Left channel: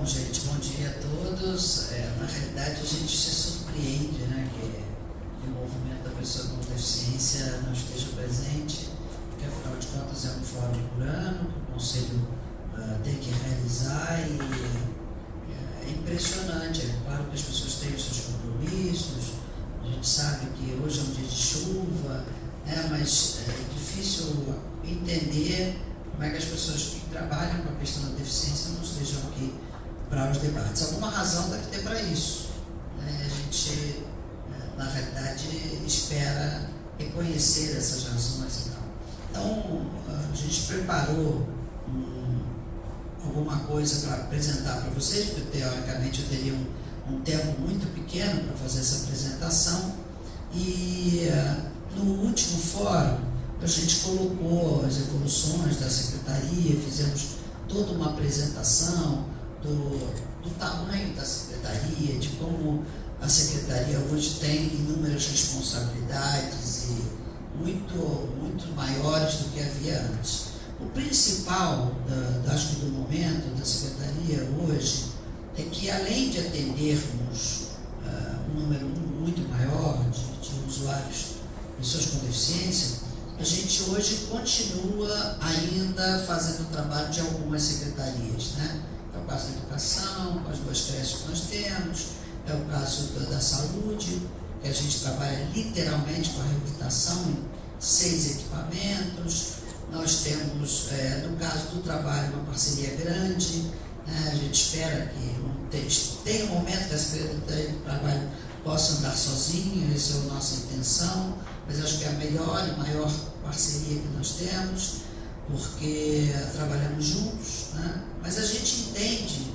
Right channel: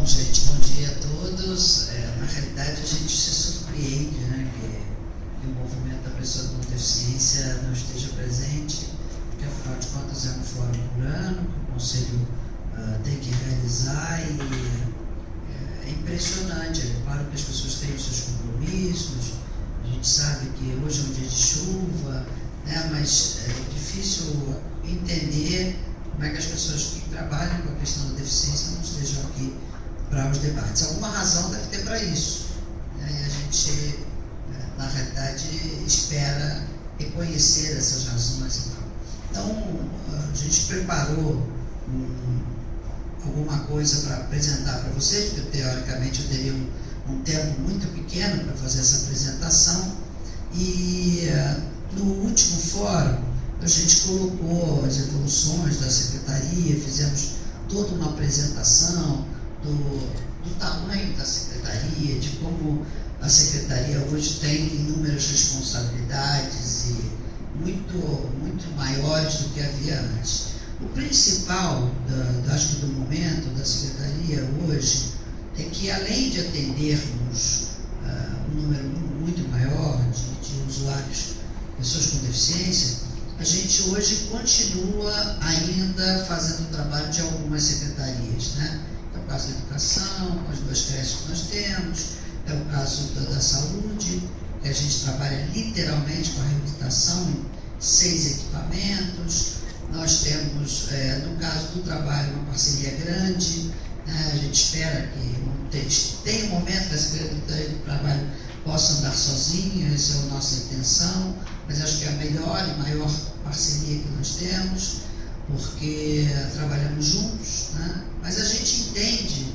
Bom, gente, bom dia a todos. Na realidade, a gente se surpreende, né, que o movimento da pessoa com deficiência não esteja presente, porque, afinal de contas, é um fórum por ano que o Conselho tem que realizar e é impressionante. É claro que as pessoas têm os seus compromissos, a gente sabe que hoje é um dia de chuva, né, mas é difícil entender como é que as pessoas que trabalham com a questão da deficiência não estejam aqui para os debates. Alguma razão deve ter para isso, né? A gente, na realidade, espera reconhecer essas razões e tal. Então, a gente preparou alguma coisa para apresentar para vocês, porque teoricamente eu teria um tempo muito pequeno para fazer essa apresentação, e no último fórum a gente colocou as evoluções da Secretaria, fizemos toda uma apresentação do tamanho da Secretaria, de como a Secretaria hoje tem inúmeras responsabilidades e muito maiores do que havia antes. O principal, acho que do momento da Secretaria hoje, é que além de atendermos um número muito maior de usuários, pessoas com deficiência, a gente hoje continua ainda fazendo o trabalho de algumas secretarias, né? É o caso da educação, com as 2 creches que nós temos, é o caso da saúde, que a gente trabalha literalmente com a reabilitação em 6 equipamentos. Nós temos, no caso do trabalho, uma parceria grande, né? A gente espera que tenha um momento que a Secretaria do Trabalho possa andar sozinha, essa é a nossa intenção, mas acho que é a melhor e maior parceria que nós temos, porque trabalhamos juntos, né? Mas a gente entende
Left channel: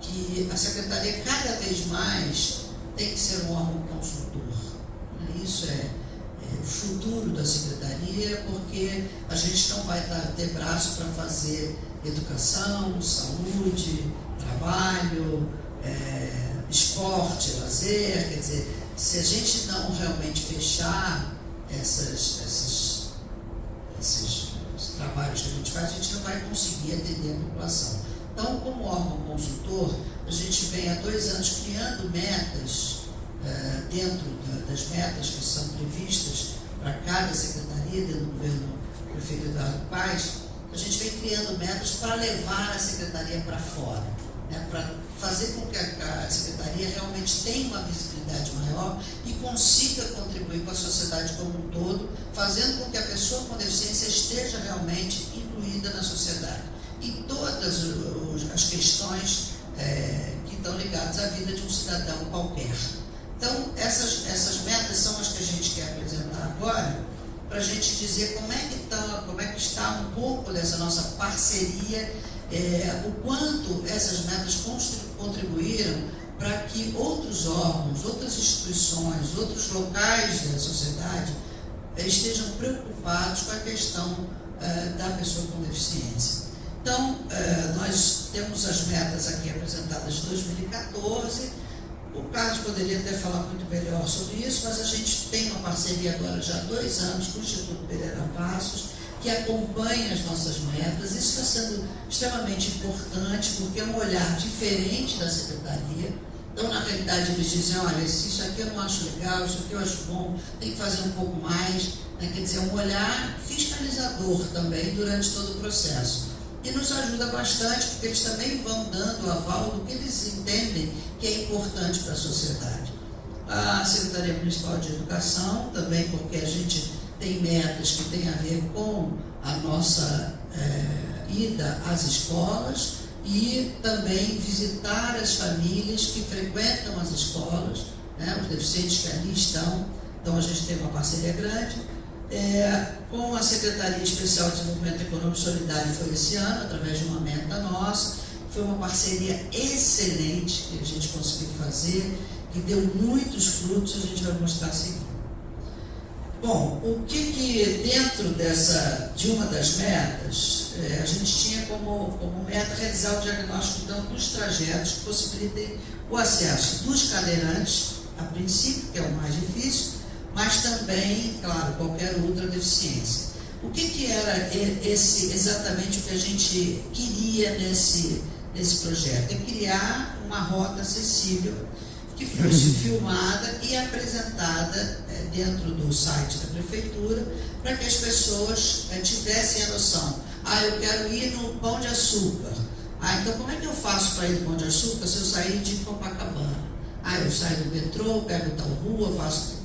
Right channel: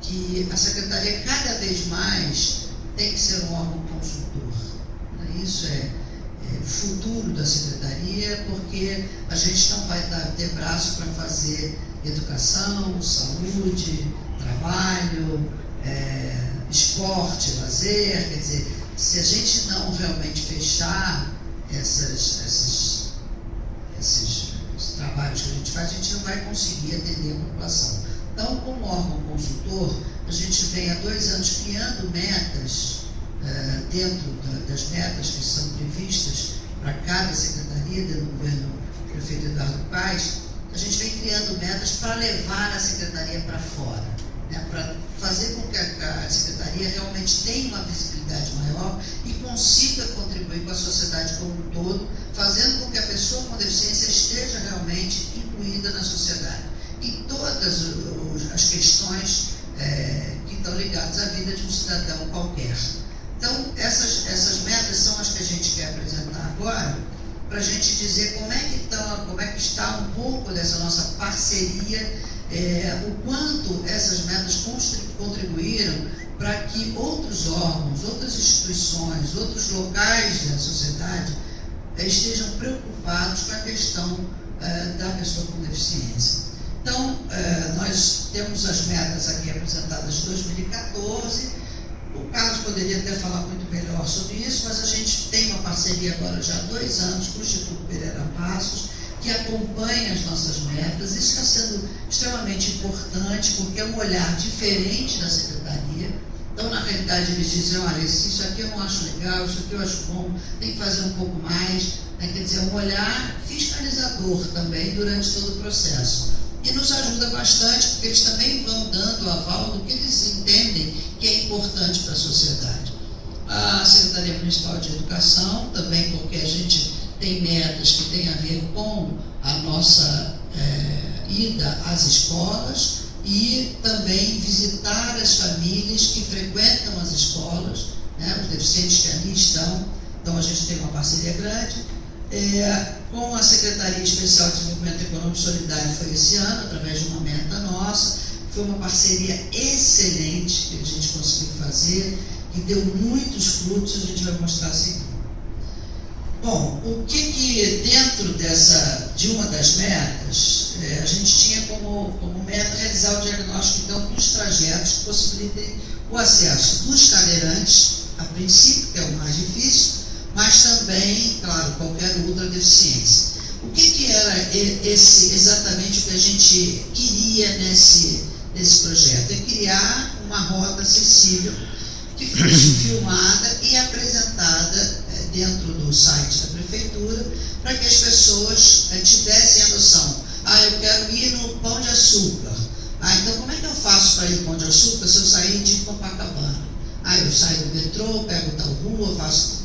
que a Secretaria cada vez mais tem que ser um órgão consultor, né? Isso é o futuro da Secretaria, porque a gente não vai ter braço para fazer educação, saúde, trabalho, esporte, lazer. Quer dizer, se a gente não realmente fechar esses trabalhos que a gente faz, a gente não vai conseguir atender a população. Então, como órgão consultor, a gente vem há 2 anos criando metas, dentro das metas que são previstas para cada secretaria, dentro do governo do prefeito Eduardo Paes, a gente vem criando metas para levar a secretaria para fora, né, para fazer com que a secretaria realmente tenha uma visibilidade maior e consiga contribuir com a sociedade como um todo, fazendo com que a pessoa com deficiência esteja realmente incluída na sociedade. E todas as questões que estão ligadas à vida de um cidadão qualquer. Então, essas metas são as que a gente quer apresentar agora, para a gente dizer como é que está um pouco dessa nossa parceria, o quanto essas metas contribuíram para que outros órgãos, outras instituições, outros locais da sociedade estejam preocupados com a questão da pessoa com deficiência. Então, nós temos as metas aqui apresentadas de 2014. O Carlos poderia até falar muito melhor sobre isso, mas a gente tem uma parceria agora já há 2 anos com o Instituto Pereira Passos, que acompanha as nossas metas. Isso está sendo extremamente importante, porque é um olhar diferente da Secretaria. Então, na realidade, eles dizem, olha, isso aqui eu não acho legal, isso aqui eu acho bom, tem que fazer um pouco mais, né? Quer dizer, um olhar fiscalizador também durante todo o processo. E nos ajuda bastante, porque eles também vão dando o aval do que eles entendem que é importante para a sociedade. A Secretaria Municipal de Educação também, porque a gente tem metas que têm a ver com a nossa ida às escolas e também visitar as famílias que frequentam as escolas, né, os deficientes que ali estão. Então, a gente tem uma parceria grande. Com a Secretaria Especial de Desenvolvimento Econômico e Solidário foi esse ano, através de uma meta nossa. Foi uma parceria excelente que a gente conseguiu fazer, que deu muitos frutos, a gente vai mostrar assim. Bom, o que dentro de uma das metas, a gente tinha como meta realizar o diagnóstico então, dos trajetos que possibilitem o acesso dos cadeirantes, a princípio, que é o mais difícil, mas também, claro, qualquer outra deficiência. O que era exatamente o que a gente queria nesse nesse projeto? É criar uma rota acessível que fosse filmada e apresentada dentro do site da prefeitura, para que as pessoas tivessem a noção. Eu quero ir no Pão de Açúcar. Então como é que eu faço para ir no Pão de Açúcar se eu sair de Copacabana? Eu saio do metrô, pego tal rua, faço...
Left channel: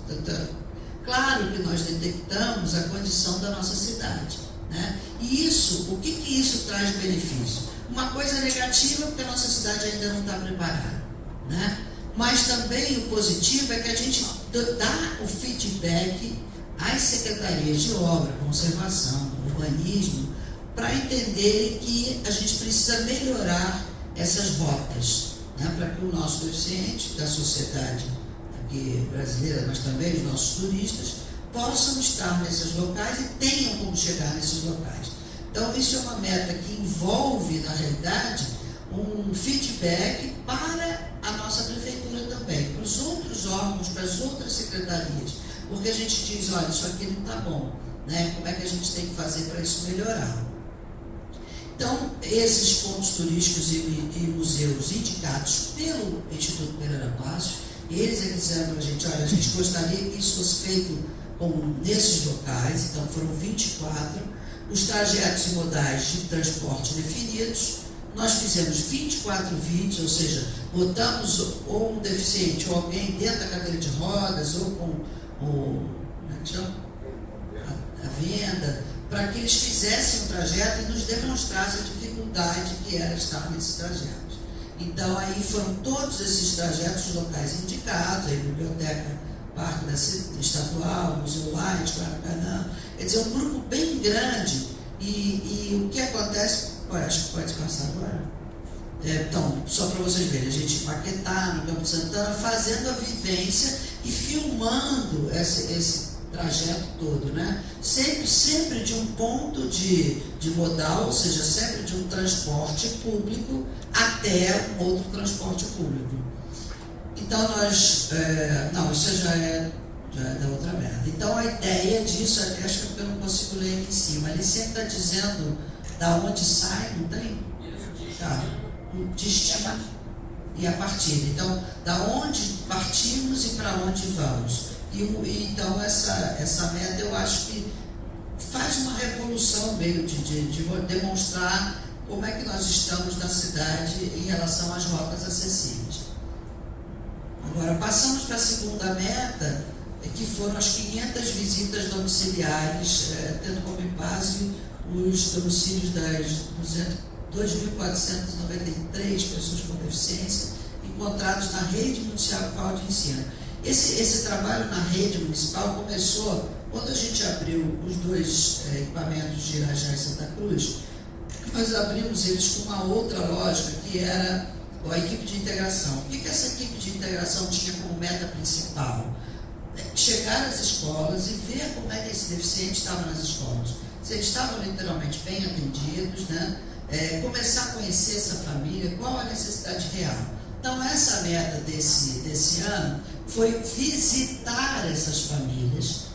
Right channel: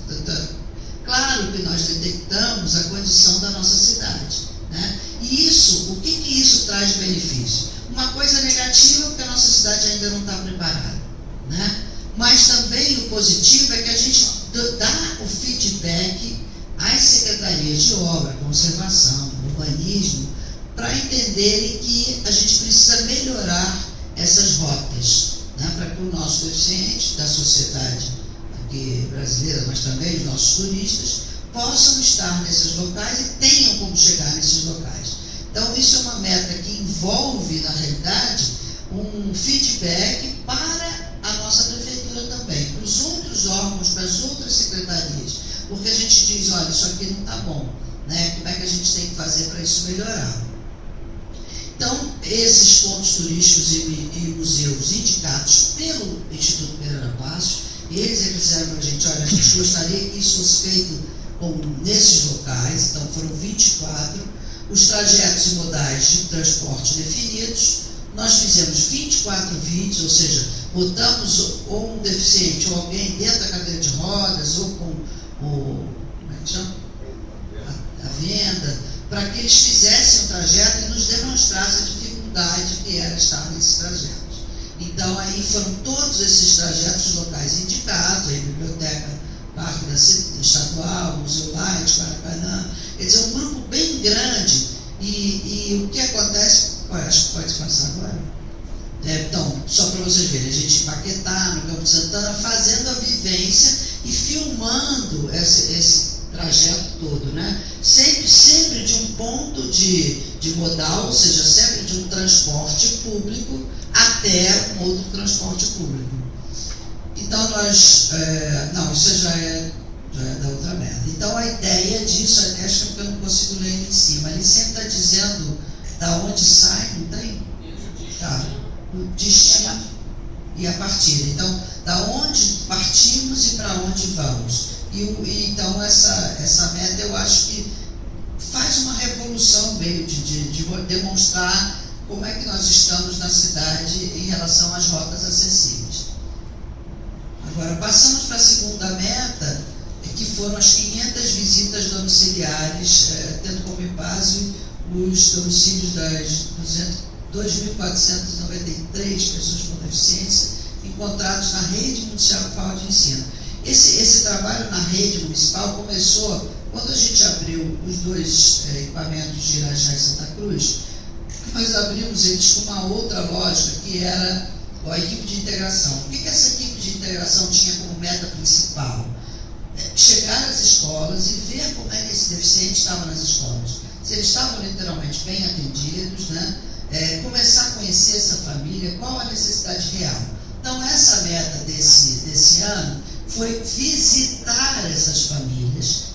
Claro que nós detectamos a condição da nossa cidade, né? E isso, o que isso traz de benefício? Uma coisa negativa, porque a nossa cidade ainda não está preparada, né? Mas também o positivo é que a gente dá o feedback às secretarias de obra, conservação, urbanismo, para entenderem que a gente precisa melhorar essas rotas, né? Para que o nosso deficiente, da sociedade aqui brasileira, mas também os nossos turistas, possam estar nesses locais e tenham como chegar nesses locais. Então, isso é uma meta que envolve, na realidade, um feedback para a nossa prefeitura também, para os outros órgãos, para as outras secretarias, porque a gente diz, olha, isso aqui não está bom, né? Como é que a gente tem que fazer para isso melhorar? Então, esses pontos turísticos e museus indicados pelo Instituto Pereira Passos, eles é que disseram para a gente, olha, a gente gostaria que isso fosse feito nesses locais, então foram 24, os trajetos e modais de transporte definidos. Nós fizemos 24 vídeos, ou seja, botamos ou um deficiente ou alguém dentro da cadeira de rodas ou com como é que chama? A venda, para que eles fizessem o trajeto e nos demonstrassem a dificuldade que era estar nesses trajetos. Então, aí foram todos esses trajetos locais indicados, aí Biblioteca Parque da Estadual, Museu Light, Caracanã, quer dizer, um grupo bem grande. E o que acontece, acho que pode passar agora. Então, só para vocês verem, a gente Paquetá, no Campo de Santana, fazendo a vivência e filmando esse trajeto todo, né? Sempre de um ponto de modal, ou seja, sempre de um transporte público até um outro transporte público. Então nós, isso já é da outra meta. Então a ideia disso, até acho que eu não consigo ler ali em cima, ele sempre está dizendo da onde sai, não tem? Tá. O destino e a partida. Então, da onde partimos e para onde vamos. Então essa meta eu acho que faz uma revolução meio de demonstrar como é que nós estamos na cidade em relação às rotas acessíveis. Agora, passamos para a segunda meta, que foram as 500 visitas domiciliares, tendo como base os domicílios das 2.493 pessoas com deficiência encontrados na rede municipal de ensino. Esse trabalho na rede municipal começou quando a gente abriu os dois equipamentos de Irajá e Santa Cruz. Nós abrimos eles com uma outra lógica, que era a equipe de integração. O que essa equipe de integração tinha como meta principal? Chegar às escolas e ver como é que esse deficiente estava nas escolas. Se eles estavam literalmente bem atendidos, né? Começar a conhecer essa família, qual a necessidade real. Então, essa meta desse ano foi visitar essas famílias.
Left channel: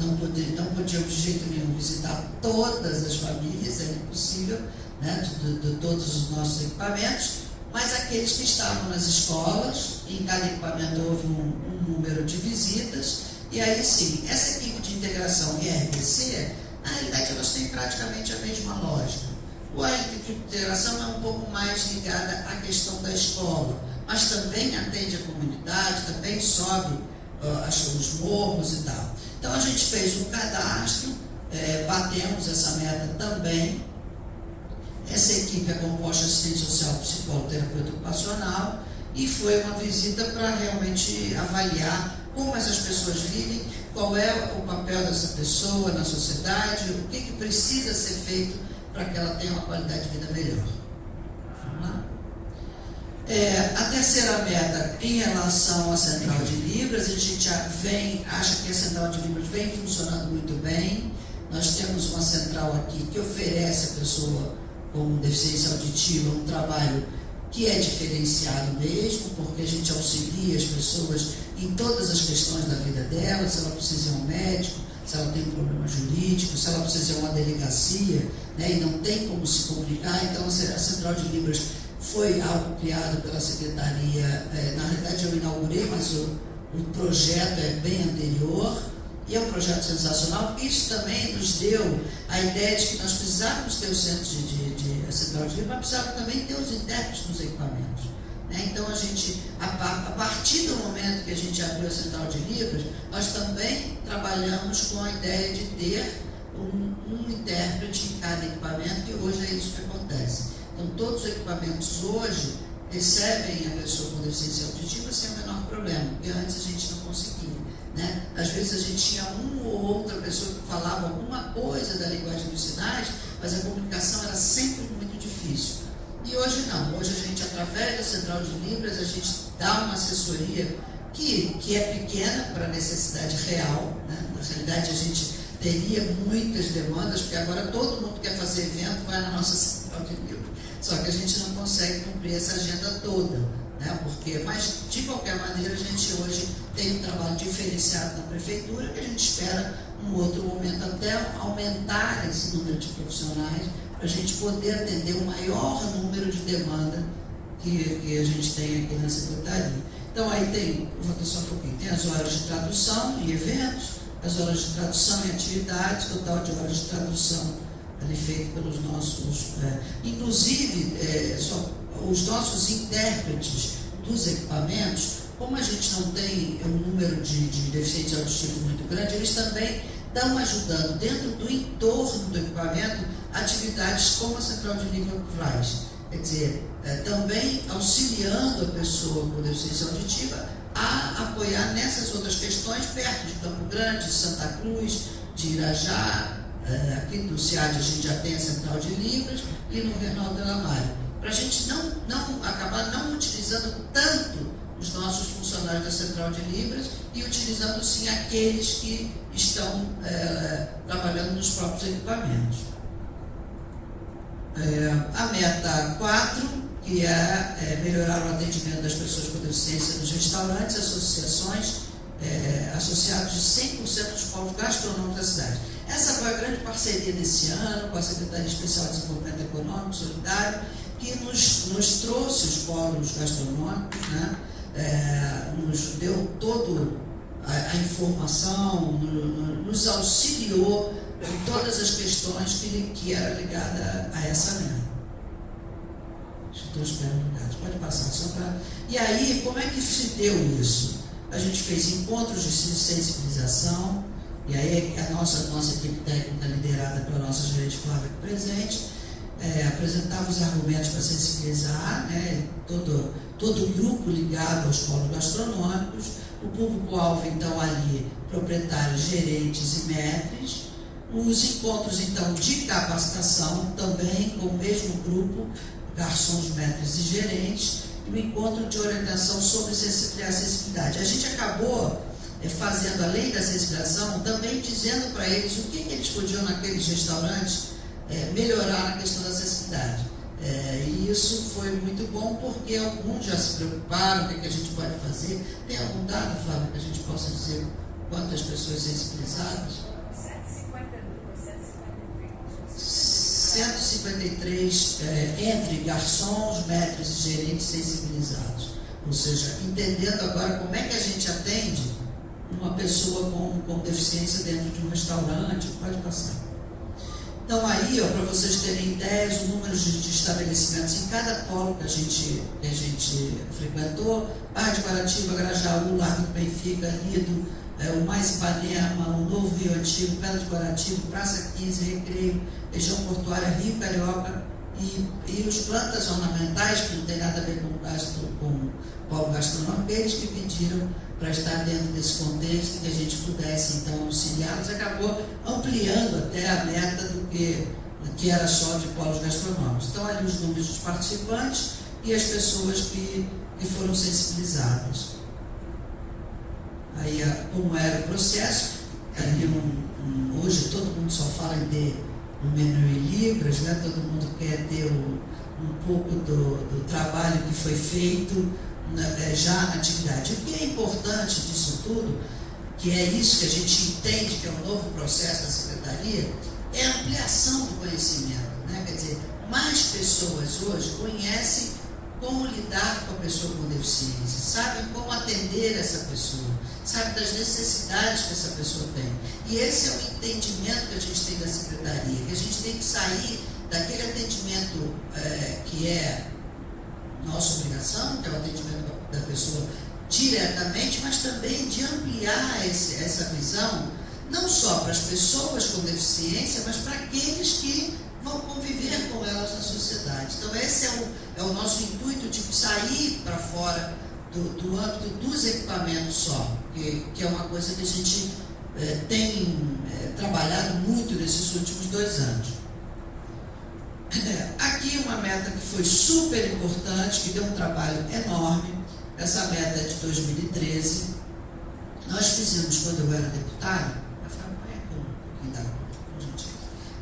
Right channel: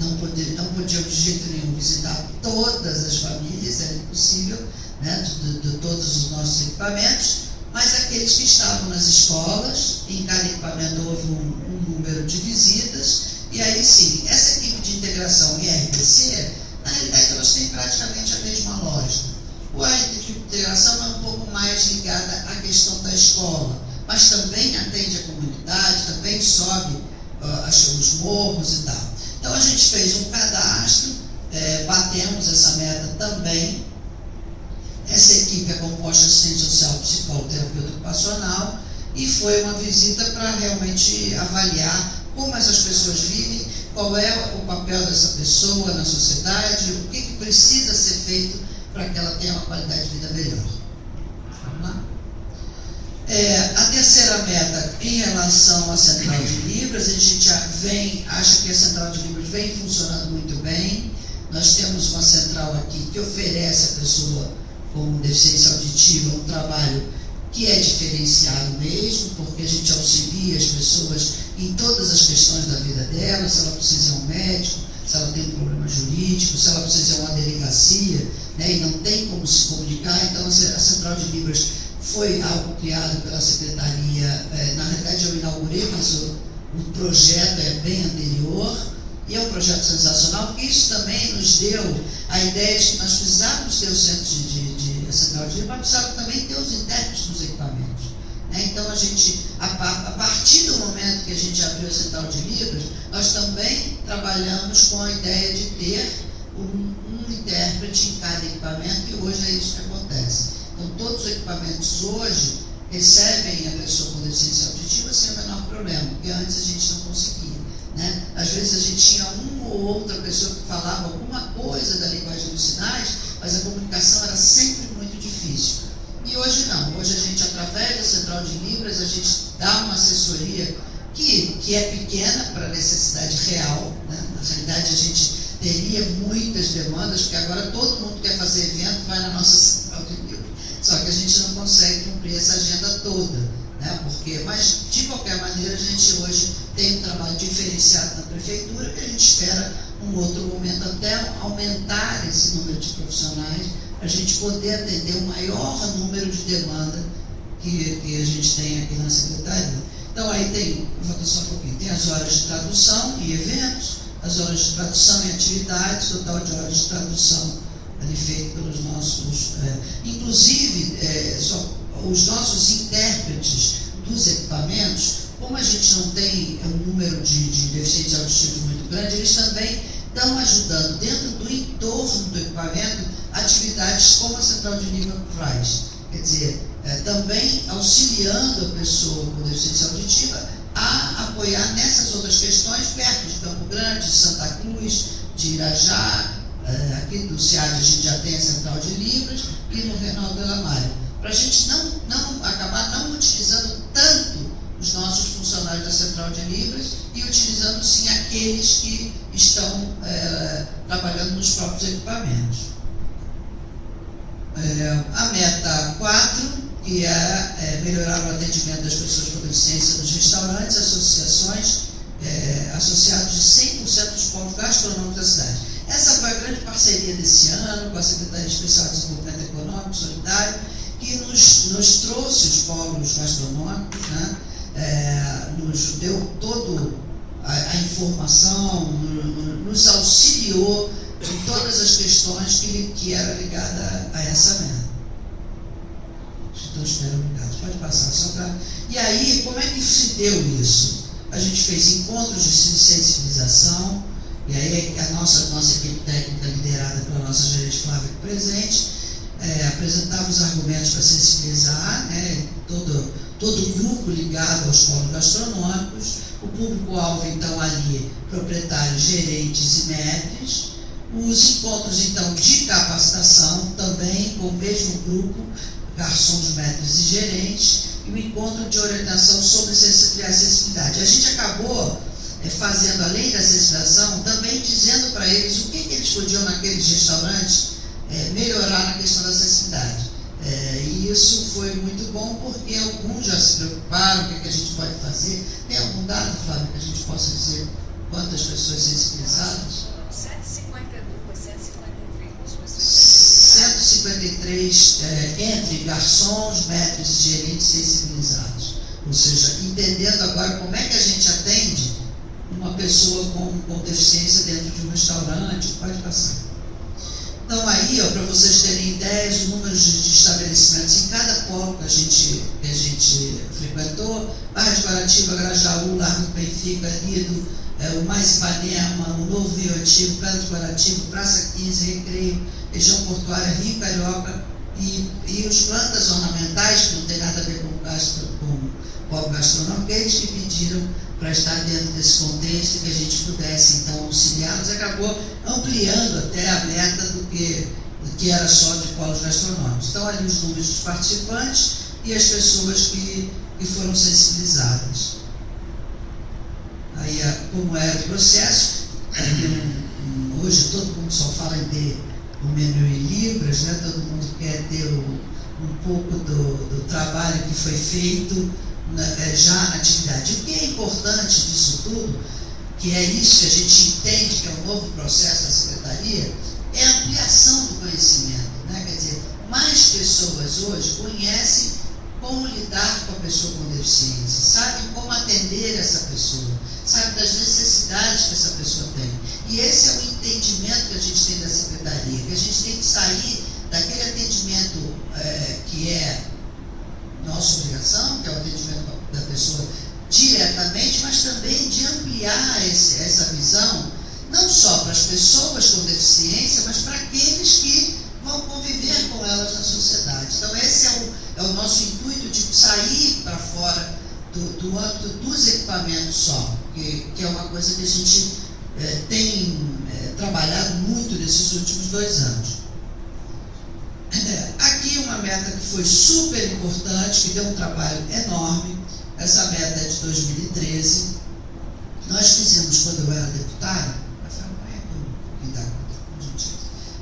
Não podíamos de jeito nenhum visitar todas as famílias, era impossível, né, de todos os nossos equipamentos, mas aqueles que estavam nas escolas, em cada equipamento houve um número de visitas, e aí sim, essa equipe de integração e RDC, na realidade elas têm praticamente a mesma lógica. A equipe de integração é um pouco mais ligada à questão da escola, mas também atende a comunidade, também sobe os morros e tal. Então a gente fez um cadastro, batemos essa meta também. Essa equipe é composta de assistente social, psicólogo, terapeuta ocupacional, e foi uma visita para realmente avaliar como essas pessoas vivem, qual é o papel dessa pessoa na sociedade, o que precisa ser feito para que ela tenha uma qualidade de vida melhor. Vamos lá? A terceira meta, em relação à Central de Libras, a gente já acha que a Central de Libras vem funcionando muito bem. Nós temos uma central aqui que oferece à pessoa com deficiência auditiva um trabalho que é diferenciado mesmo, porque a gente auxilia as pessoas em todas as questões da vida dela, se ela precisa ir a um médico, se ela tem um problema jurídico, se ela precisa ir a uma delegacia, né, e não tem como se comunicar. Então a Central de Libras foi algo criado pela Secretaria, na realidade eu inaugurei, mas o projeto é bem anterior, e é um projeto sensacional, porque isso também nos deu a ideia de que nós precisávamos ter o centro de central de Libras, mas precisávamos também ter os intérpretes nos equipamentos. Então, a partir do momento que a gente abriu a central de Libras, nós também trabalhamos com a ideia de ter um intérprete em cada equipamento, e hoje é isso que acontece. Então, todos os equipamentos hoje recebem a pessoa com deficiência auditiva sem o menor problema, porque antes a gente não conseguia. Às vezes a gente tinha uma ou outra pessoa que falava alguma coisa da linguagem dos sinais, mas a comunicação era sempre muito difícil. E hoje não, hoje a gente, através da Central de Libras, a gente dá uma assessoria que é pequena para a necessidade real. Na realidade, a gente teria muitas demandas, porque agora todo mundo quer fazer evento, vai na nossa Central de Libras. Só que a gente não consegue cumprir essa agenda toda. Mas, de qualquer maneira, a gente hoje tem um trabalho diferenciado na prefeitura, que a gente espera, um outro momento, até aumentar esse número de profissionais, para a gente poder atender o maior número de demanda que a gente tem aqui na Secretaria. Então, aí tem, vou só um pouquinho, tem as horas de tradução e eventos, as horas de tradução e atividades, total de horas de tradução ali feito pelos nossos, inclusive, os nossos intérpretes dos equipamentos, como a gente não tem um número de deficientes auditivos muito grande, eles também estão ajudando dentro do entorno do equipamento atividades como a Central de Libras faz. Quer dizer, também auxiliando a pessoa com deficiência auditiva a apoiar nessas outras questões perto de Campo Grande, de Santa Cruz, de Irajá, aqui do SEAD a gente já tem a Central de Libras, e no Reinaldo de la Mare, para a gente acabar não utilizando tanto os nossos funcionários da Central de Libras e utilizando sim aqueles que estão trabalhando nos próprios equipamentos. A meta 4, que é melhorar o atendimento das pessoas com deficiência nos restaurantes, associações, associados de 100% dos polos gastronômicos da cidade. Essa foi a grande parceria desse ano com a Secretaria Especial de Desenvolvimento Econômico e Solidário, que nos trouxe os polos gastronômicos, nos deu toda a informação, nos auxiliou em todas as questões que eram ligadas a essa meta. Então, espera um bocadinho, pode passar só para... E aí, como é que se deu isso? A gente fez encontros de sensibilização, e aí a nossa equipe técnica, liderada pela nossa gerente Flávia aqui presente, apresentava os argumentos para sensibilizar, todo o grupo ligado aos polos gastronômicos, o público-alvo, então, ali, proprietários, gerentes e maîtres, os encontros, então, de capacitação, também com o mesmo grupo, garçons, maîtres e gerentes, e o encontro de orientação sobre a acessibilidade. A gente acabou fazendo, além da sensibilização, também dizendo para eles o que eles podiam, naqueles restaurantes, melhorar na questão da acessibilidade. E isso foi muito bom, porque alguns já se preocuparam, o que a gente pode fazer. Tem algum dado, Flávio, que a gente possa dizer quantas pessoas sensibilizadas? 153 entre garçons, maîtres e gerentes sensibilizados. Ou seja, entendendo agora como é que a gente atende uma pessoa com deficiência dentro de um restaurante. Pode passar. Então, aí, para vocês terem ideias, o número de estabelecimentos em cada polo que a gente frequentou: Barra de Guaratiba, Grajaú, Largo do Benfica, Lido, o Mais Ipanema, o Novo Rio Antigo, Pedra de Guaratiba, Praça 15, Recreio, região portuária, Rio Carioca e os plantas ornamentais, que não tem nada a ver com o polo gastronômico, eles que pediram para estar dentro desse contexto, que a gente pudesse, então, auxiliá-los, acabou ampliando até a meta do que era só de polos gastronômicos. Então, ali os números dos participantes e as pessoas que foram sensibilizadas. Aí, como era o processo, hoje todo mundo só fala em ter o menu em libras, todo mundo quer ter um pouco do trabalho que foi feito já na atividade. O que é importante disso tudo, que é isso que a gente entende que é um novo processo da Secretaria, é a ampliação do conhecimento. Quer dizer, mais pessoas hoje conhecem como lidar com a pessoa com deficiência, sabem como atender essa pessoa, sabem das necessidades que essa pessoa tem. E esse é o entendimento que a gente tem da secretaria, que a gente tem que sair daquele atendimento que é nossa obrigação, que é o atendimento da pessoa diretamente, mas também de ampliar essa visão, não só para as pessoas com deficiência, mas para aqueles que vão conviver com elas na sociedade. Então esse é o nosso intuito, de sair para fora do âmbito dos equipamentos só, que é uma coisa que a gente tem trabalhado muito nesses últimos 2 anos. Aqui uma meta que foi super importante, que deu um trabalho enorme. Essa meta é de 2013. Nós fizemos, quando eu era deputada,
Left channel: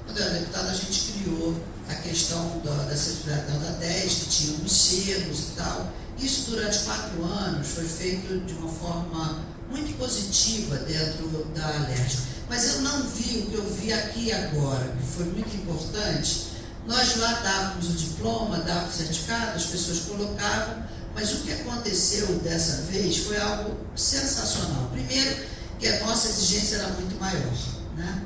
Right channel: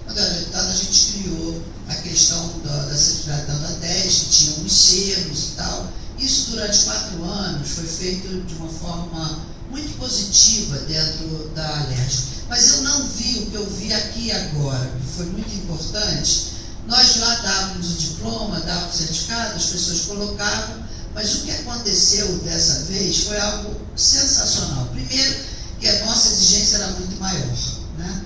quando eu era deputada, a gente criou a questão da certificado da ANDA 10, que tinha uns selos e tal. Isso durante 4 anos foi feito de uma forma muito positiva dentro da Alerj. Mas eu não vi o que eu vi aqui agora, que foi muito importante. Nós lá dávamos o diploma, dávamos o certificado, as pessoas colocavam, mas o que aconteceu dessa vez foi algo sensacional. Primeiro, que a nossa exigência era muito maior, né?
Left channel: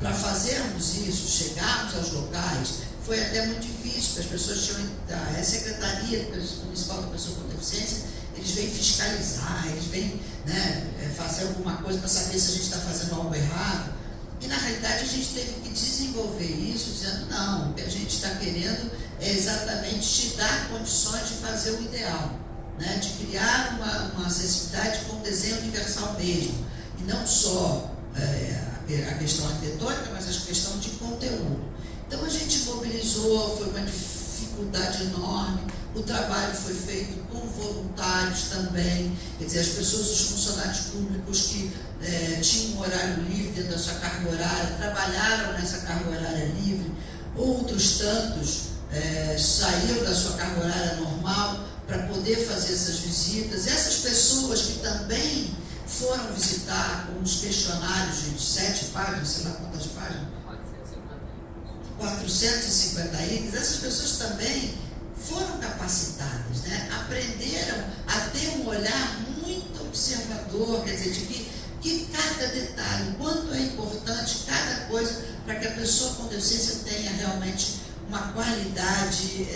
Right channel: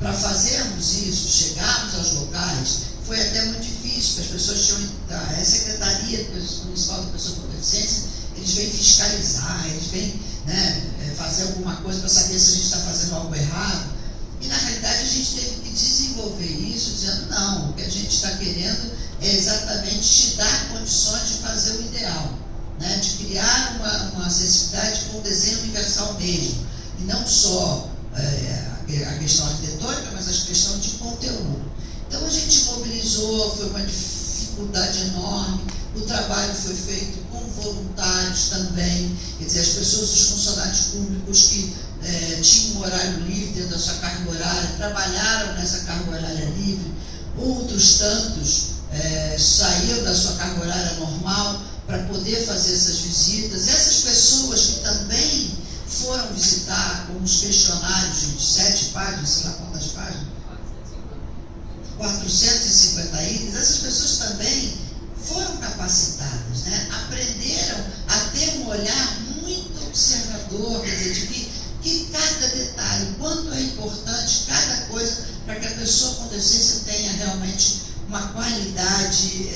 Para fazermos isso, chegarmos aos locais, foi até muito difícil, porque as pessoas tinham. A Secretaria Municipal da Pessoa com Deficiência, eles vêm fiscalizar, eles vêm, né, fazer alguma coisa para saber se a gente está fazendo algo errado. E na realidade a gente teve que desenvolver isso, dizendo não, o que a gente está querendo é exatamente te dar condições de fazer o ideal, né? De criar uma acessibilidade com um desenho universal mesmo, e não só a questão arquitetônica, mas a questão de conteúdo. Então a gente mobilizou, foi uma dificuldade enorme, o trabalho foi feito com voluntários também, quer dizer, as pessoas, os funcionários públicos que tinham um horário livre dentro da sua carga horária, trabalharam nessa carga horária livre, outros tantos saíram da sua carga horária normal para poder fazer essas visitas. Essas pessoas que também foram visitar com os questionários de 7 páginas, sei lá quantas páginas? 450 itens, essas pessoas também foram capacitadas, né? Aprenderam a ter um olhar muito observador, quer dizer, de que cada detalhe, quanto é importante cada coisa para que a pessoa com deficiência tenha realmente uma qualidade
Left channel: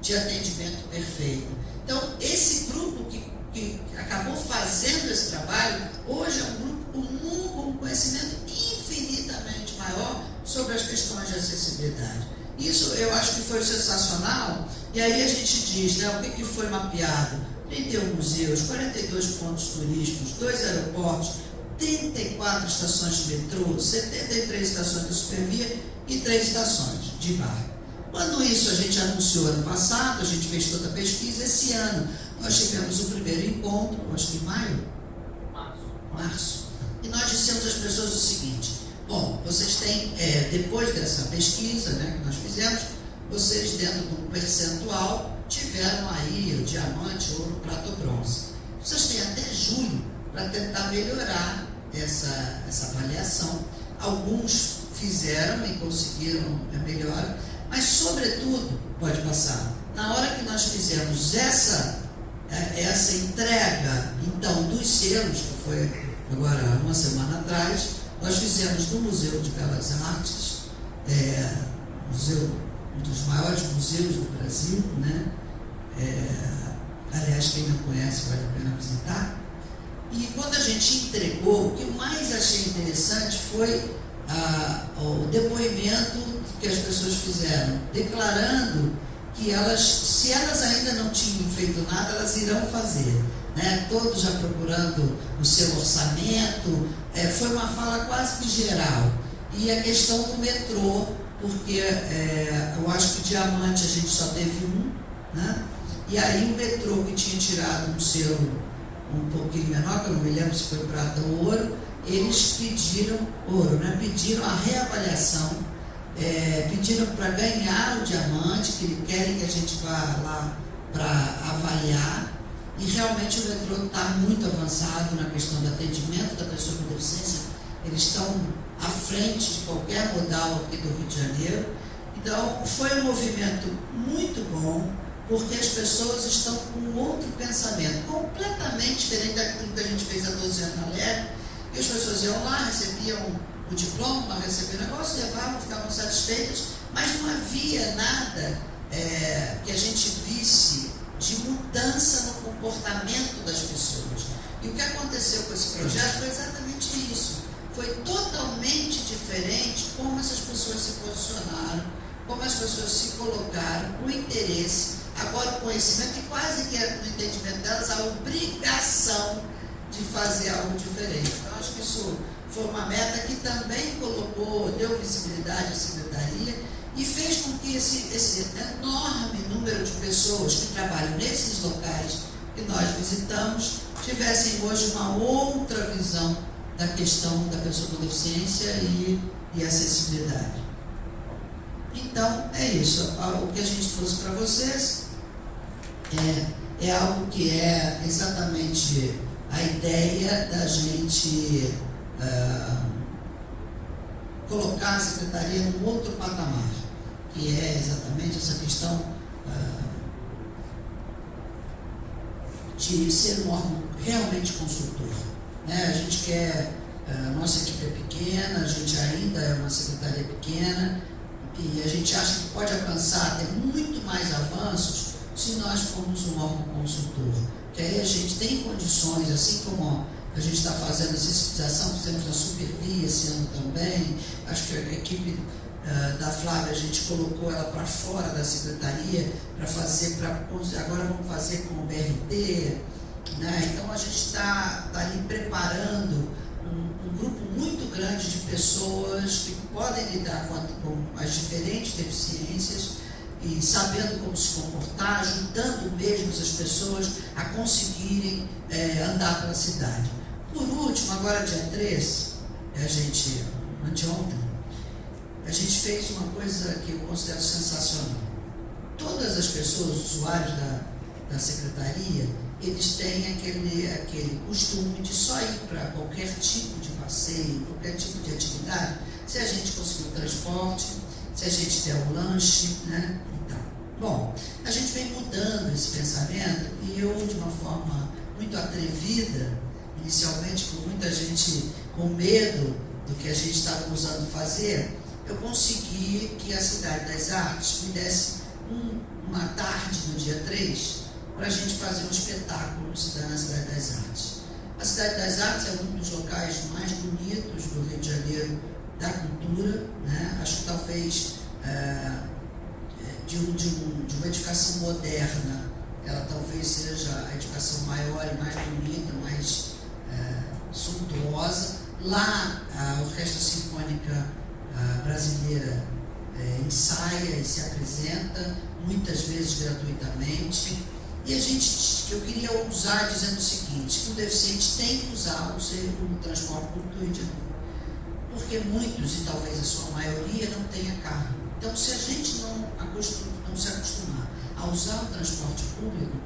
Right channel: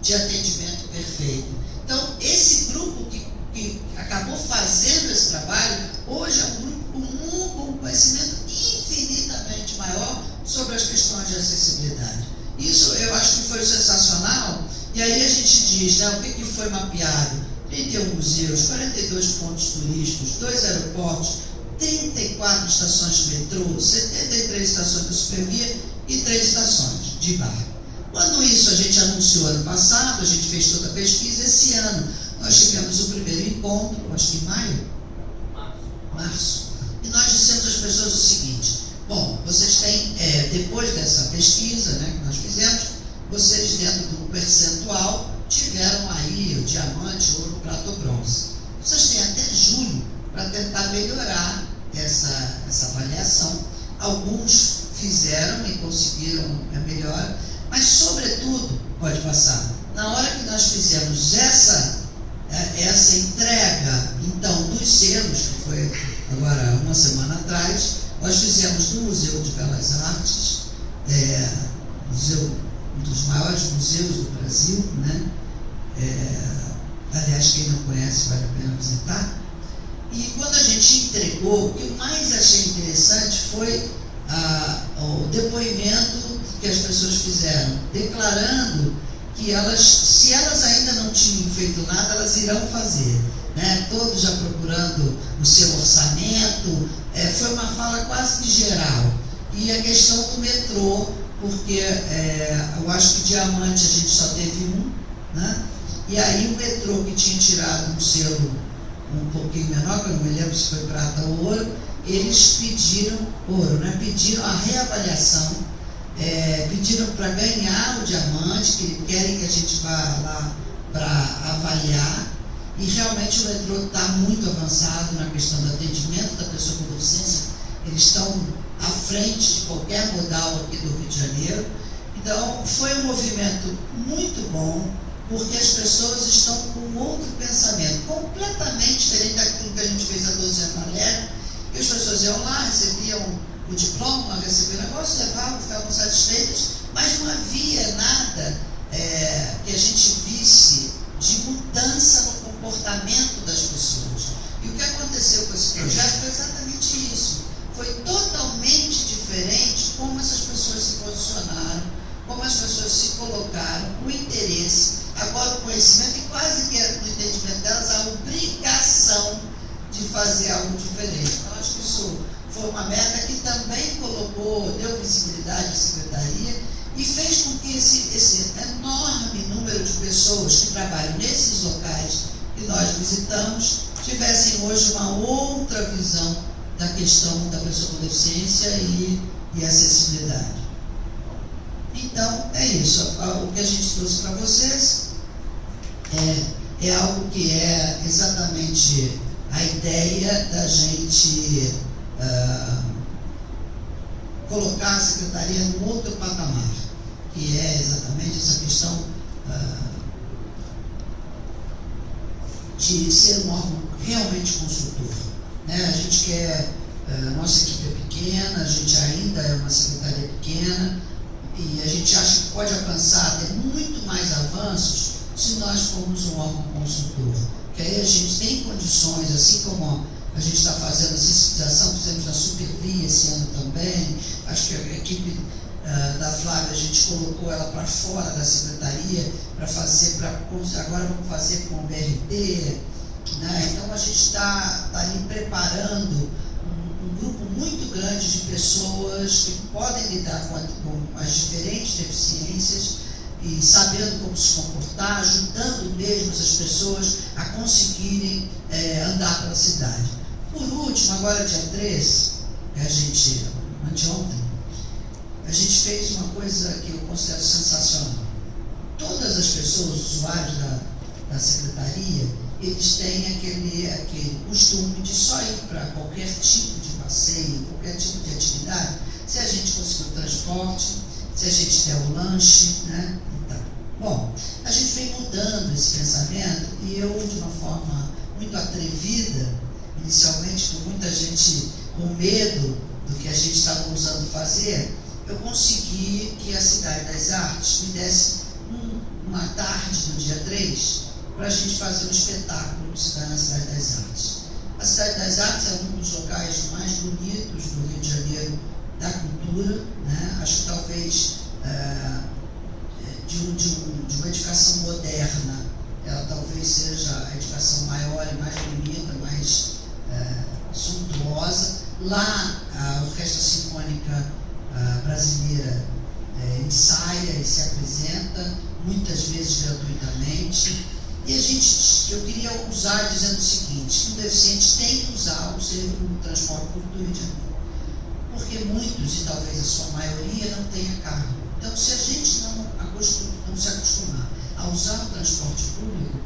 de atendimento perfeito. Então, esse grupo que acabou fazendo esse trabalho, hoje é um grupo comum com um conhecimento infinitamente maior sobre as questões de acessibilidade. Isso eu acho que foi sensacional. E aí a gente diz, né, o que foi mapeado? 31 museus, 42 pontos turísticos, 2 aeroportos, 34 estações de metrô, 73 estações de supervia e 3 estações de bairro. Quando isso a gente anunciou ano passado, a gente fez toda a pesquisa. Esse ano nós tivemos o primeiro encontro, acho que em maio? Março. E nós dissemos às pessoas o seguinte: bom, vocês têm, depois dessa pesquisa, né, que nós fizemos, vocês dentro de um percentual tiveram aí o diamante, ouro, prata ou bronze. Vocês têm até julho para tentar melhorar essa avaliação. Alguns fizeram e conseguiram a melhora, mas sobretudo, pode passar, na hora que nós fizemos essa entrega, então, dos selos, que foi agora uma semana atrás, nós fizemos no Museu de Belas Artes, um dos maiores museus do Brasil, né? Aliás, quem não conhece vale a pena visitar. E quando a gente entregou, o que eu mais achei interessante foi o depoimento que as pessoas fizeram, declarando que se elas ainda não tinham feito nada, elas irão fazer, né? Todos já procurando o seu orçamento. Foi uma fala quase que geral. E a questão do metrô, porque eu acho que diamante a gente só teve um, né? E aí o metrô, que tinha tirado um selo um pouquinho menor, que eu não me lembro se foi prata ou ouro, eles pediram ouro, né? Pediram a reavaliação, pediram para ganhar o diamante, que querem que a gente vá lá para avaliar. E realmente o metrô está muito avançado na questão do atendimento da pessoa com deficiência. Eles estão à frente de qualquer modal aqui do Rio de Janeiro. Então, foi um movimento muito bom, porque as pessoas estão com outro pensamento, completamente diferente daquilo que a gente fez há 12 anos na LEB, que as pessoas iam lá, recebiam o diploma, recebiam o negócio, levavam, ficavam satisfeitas, mas não havia nada que a gente visse de mudança no comportamento das pessoas. E o que aconteceu com esse projeto foi exatamente isso. Foi totalmente diferente como essas pessoas se posicionaram, como as pessoas se colocaram, o interesse, agora o conhecimento e quase que no entendimento delas a obrigação de fazer algo diferente. Então, acho que isso foi uma meta que também deu visibilidade à secretaria e fez com que esse enorme número de pessoas que trabalham nesses locais que nós visitamos tivessem hoje uma outra visão da questão da pessoa com deficiência e acessibilidade. Então, é isso. O que a gente trouxe para vocês é algo que é exatamente a ideia da gente colocar a secretaria num outro patamar, que é exatamente essa questão de ser um órgão realmente consultor. Né? A gente quer, nossa equipe é pequena, a gente ainda é uma secretaria pequena, e a gente acha que pode alcançar até muito mais avanços se nós formos um órgão consultor. Que aí a gente tem condições, assim como a gente está fazendo a sensibilização, fizemos na Supervia esse ano também, acho que a equipe da Flávia, a gente colocou ela para fora da secretaria para fazer, agora vamos fazer com o BRT, né? Então a gente está ali preparando um grupo muito grande de pessoas que podem lidar com as diferentes deficiências e sabendo como se comportar, ajudando mesmo as pessoas a conseguirem andar pela cidade. Por último, agora dia 3, anteontem, a gente fez uma coisa que eu considero sensacional. Todas as pessoas, usuários da secretaria, eles têm aquele costume de só ir para qualquer tipo de passeio, qualquer tipo de atividade, se a gente conseguir o transporte, se a gente der o lanche, né? Então, bom, a gente vem mudando esse pensamento e eu, de uma forma muito atrevida, inicialmente com muita gente com medo do que a gente estava usando fazer, eu consegui que a Cidade das Artes me desse uma tarde no dia 3 para a gente fazer um espetáculo na Cidade das Artes. A Cidade das Artes é um dos locais mais bonitos do Rio de Janeiro da cultura, né? Acho que talvez de uma edificação moderna, ela talvez seja a edificação maior e mais bonita, mais suntuosa. Lá a Orquestra Sinfônica Brasileira ensaia e se apresenta, muitas vezes gratuitamente. E eu queria usar dizendo o seguinte, que o deficiente tem que usar o transporte público do Rio de Janeiro, porque muitos, e talvez a sua maioria, não tenha carro. Então, se a gente não se acostumar a usar o transporte público,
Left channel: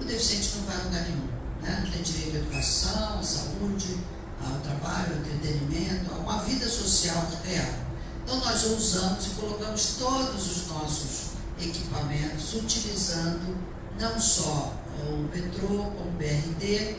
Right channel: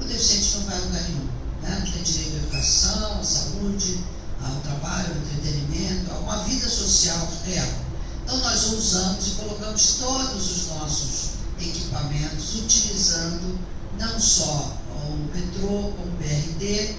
o deficiente não vai a lugar nenhum. Né? Não tem direito à educação, à saúde, ao trabalho, ao entretenimento, a uma vida social real. Então, nós usamos e colocamos todos os nossos equipamentos, utilizando não só o metrô, como o BRT,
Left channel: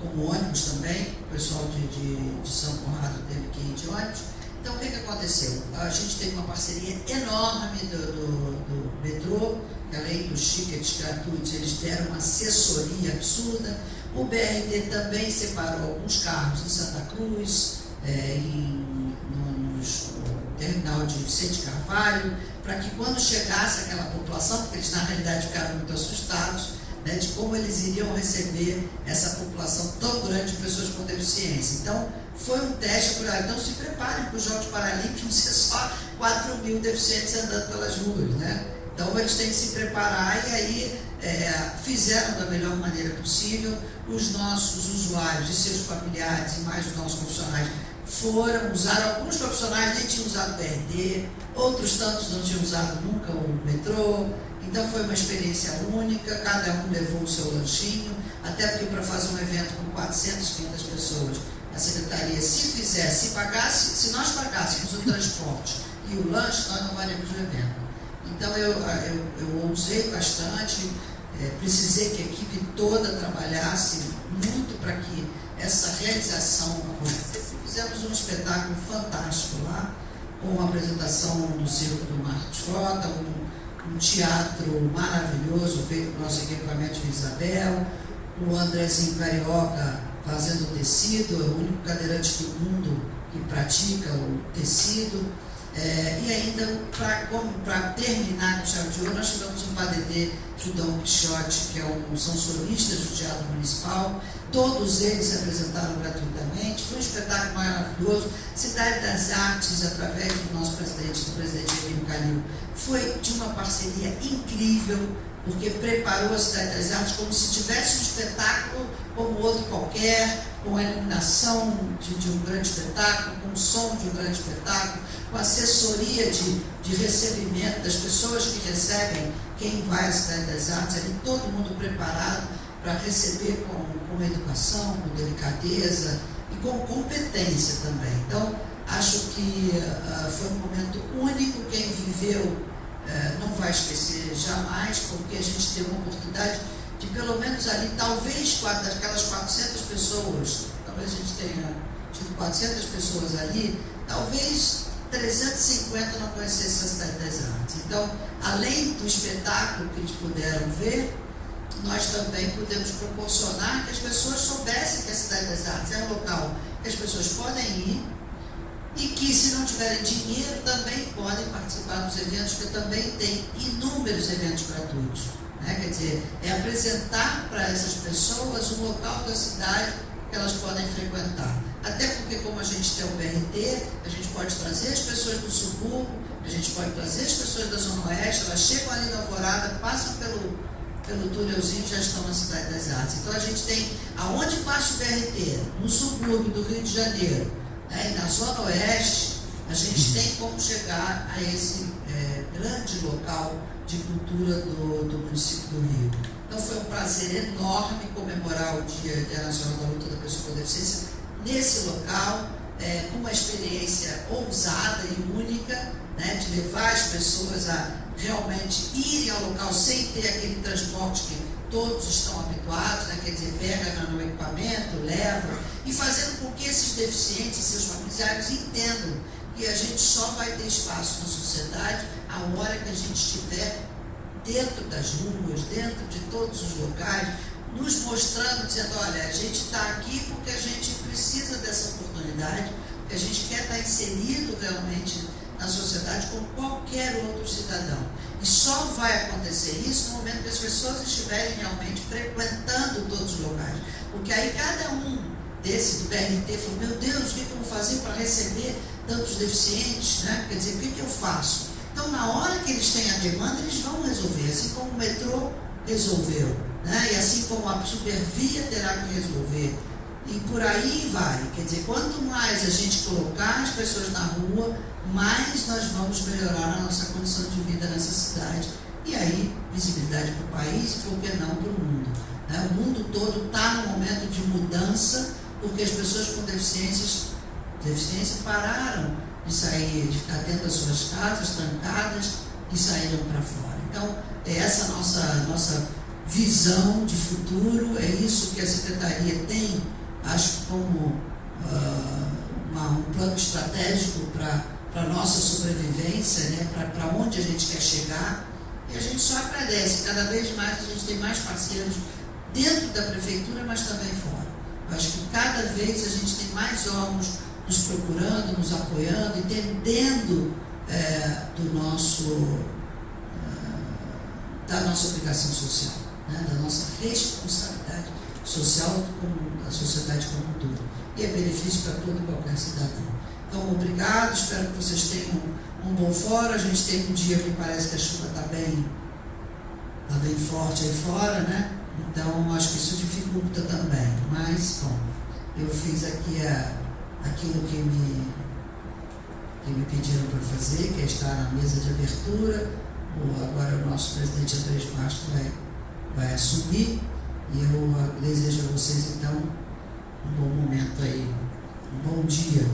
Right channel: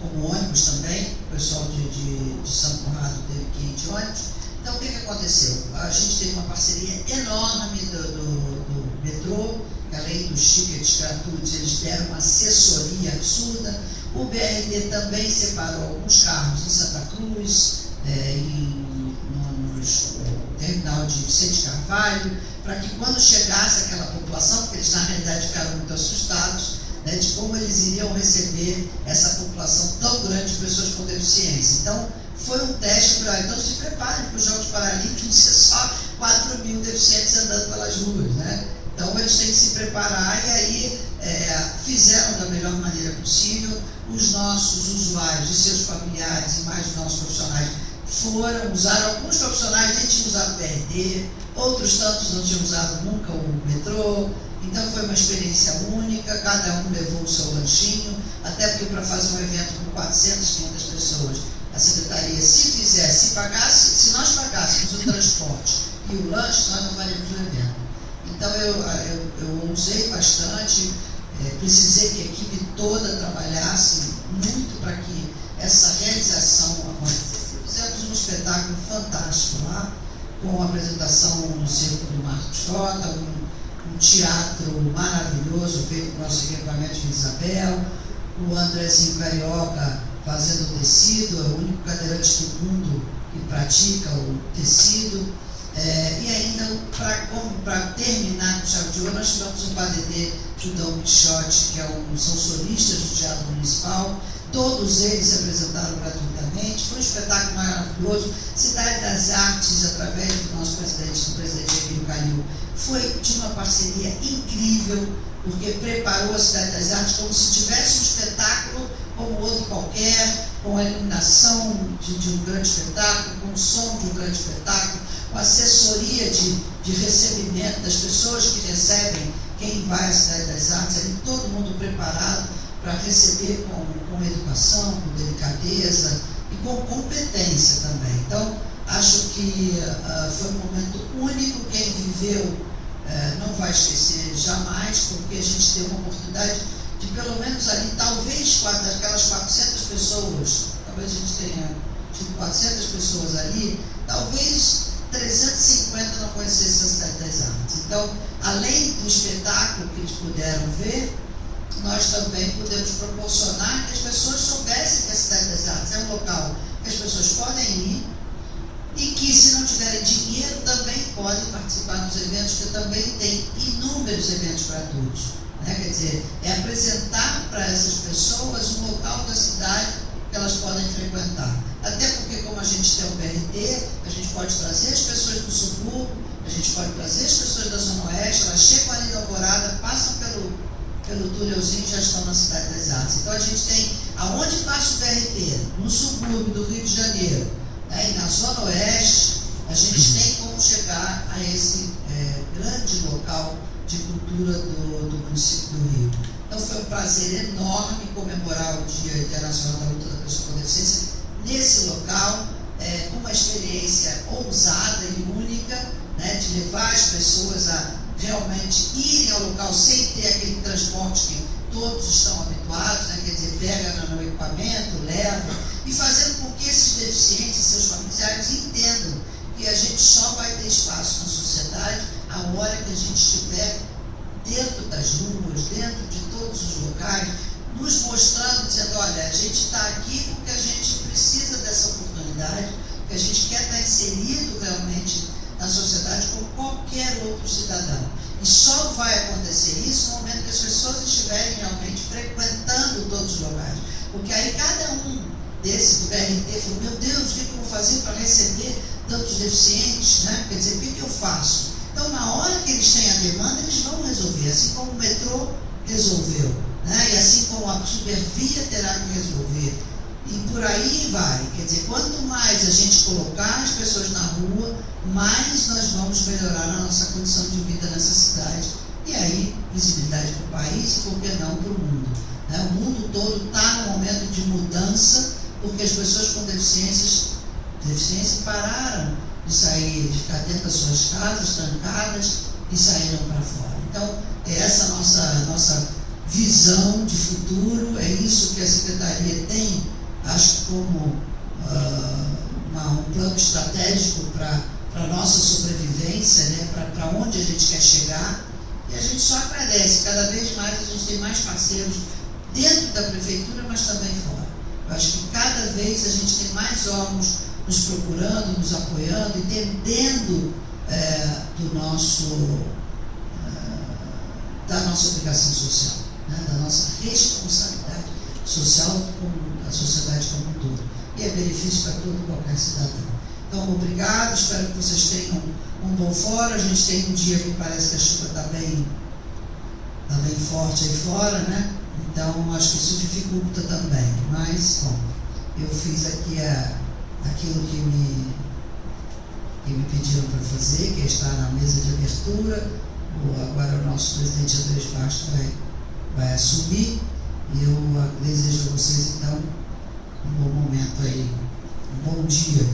como ônibus também. O pessoal de São Conrado teve que ir de ônibus. Então, o que aconteceu? A gente teve uma parceria enorme do metrô, que além dos tickets gratuitos, eles deram uma assessoria absurda. O BRT também separou alguns carros em Santa Cruz, no terminal de Vicente Carvalho, para que quando chegasse aquela população, porque eles na realidade ficaram muito assustados, né, de como eles iriam receber essa população tão grande de pessoas com deficiência. Então, foi um teste para então se preparem para os Jogos Paralímpicos, não ser só 4.000 deficientes andando pelas ruas, né? Então, eles têm que se preparar e aí fizeram da melhor maneira possível. Os nossos usuários e seus familiares e mais os nossos profissionais usaram, alguns profissionais nem tinham usado o BRT, outros tantos não tinham usado nunca o metrô. Então foi uma experiência única, cada um levou o seu lanchinho, até porque para fazer um evento com 400, 500 pessoas, a secretaria, se nós pagássemos o transporte e o lanche, nós não faremos o evento. Então eu usei bastante, precisei que a equipe toda trabalhasse muito para que essa realização acontecesse. Fizemos um espetáculo fantástico lá, com a apresentação do circo do Marcos Frota, um teatro maravilhoso feito com nosso equipamento de Isabel, o Andrezinho Carioca fazendo tecido, é o único cadeirante do mundo que pratica o tecido. E ainda, para terminar com chave de ouro, nós tivemos um padedê do Dom Quixote, que são solistas do Teatro Municipal. Todos eles se apresentaram gratuitamente. Foi um espetáculo maravilhoso. Cidade das Artes, através do nosso presidente, do presidente Emílio Calil, foi de uma parceria incrível, porque preparou a Cidade das Artes como se tivesse um espetáculo como outro qualquer, com a iluminação de um grande espetáculo, com o som de um grande espetáculo, com a assessoria de recebimento das pessoas que recebem quem vai à Cidade das Artes, ali todo mundo preparado para receber com educação, com delicadeza e com competência também. Então, acho que foi um momento único. Quem viveu não vai esquecer jamais, porque a gente teve uma oportunidade de, pelo menos ali, talvez daquelas 400 pessoas, talvez a gente tenha tido 400 pessoas ali, talvez 350 não conhecessem a Cidade das Artes. Então, além do espetáculo que eles puderam ver, nós também pudemos proporcionar que as pessoas soubessem que a Cidade das Artes é um local que as pessoas podem ir e que, se não tiverem dinheiro, também podem participar dos eventos, que também tem inúmeros eventos gratuitos. Quer dizer, é apresentar para essas pessoas um local da cidade que elas podem frequentar. Até porque, como a gente tem o BRT, a gente pode trazer as pessoas do subúrbio, a gente pode trazer as pessoas da Zona Oeste, elas chegam ali na Alvorada, passam pelo túnelzinho e já estão na Cidade das Artes. Então a gente tem, aonde passa o BRT, no subúrbio do Rio de Janeiro, e na Zona Oeste, a gente tem como chegar a esse grande local de cultura do município do Rio. Então foi um prazer enorme comemorar o Dia Internacional da Luta da Pessoa com Deficiência nesse local, com uma experiência ousada e única, de levar as pessoas a realmente irem ao local sem ter aquele transporte que todos estão habituados, quer dizer, pega no equipamento, leva, e fazendo com que esses deficientes e seus familiares entendam que a gente só vai ter espaço na sociedade a hora que a gente estiver dentro das ruas, dentro de todos os locais, nos mostrando, dizendo, olha, a gente está aqui porque a gente precisa dessa oportunidade, que a gente quer estar inserido realmente na sociedade como qualquer outro cidadão. E só vai acontecer isso no momento que as pessoas estiverem realmente frequentando todos os locais. Porque aí cada um desse do BRT falou, meu Deus, o que eu vou fazer para receber tantos deficientes? Quer dizer, o que eu faço? Então, na hora que eles têm a demanda, eles vão resolver, assim como o metrô resolveu, e assim como a supervia terá que resolver. E por aí vai. Quer dizer, quanto mais a gente colocar as pessoas na rua, mais nós vamos melhorar a nossa condição de vida nessa cidade. E aí, visibilidade para o país e, por que não, para o mundo. O mundo todo está num momento de mudança, porque as pessoas com deficiência pararam de sair, de ficar dentro das suas casas, trancadas, e saíram para fora. Então, é essa nossa visão de futuro, é isso que a Secretaria tem, acho que como um plano estratégico para a nossa sobrevivência, para onde a gente quer chegar, e a gente só agradece. Cada vez mais a gente tem mais parceiros dentro da Prefeitura, mas também fora. Eu acho que cada vez a gente tem mais órgãos nos procurando, nos apoiando, entendendo da nossa obrigação social, da nossa responsabilidade social com a sociedade como um todo. E é benefício para todo e qualquer cidadão. Então, obrigado, espero que vocês tenham um bom fora. A gente tem um dia que parece que a chuva está bem forte aí fora, Então, acho que isso dificulta também. Mas, bom, eu fiz aqui aquilo que me pediram para fazer, que é estar na mesa de abertura. Agora o nosso presidente Andrés Bastos vai assumir, e eu desejo a vocês, então, um bom momento aí, um bom dia.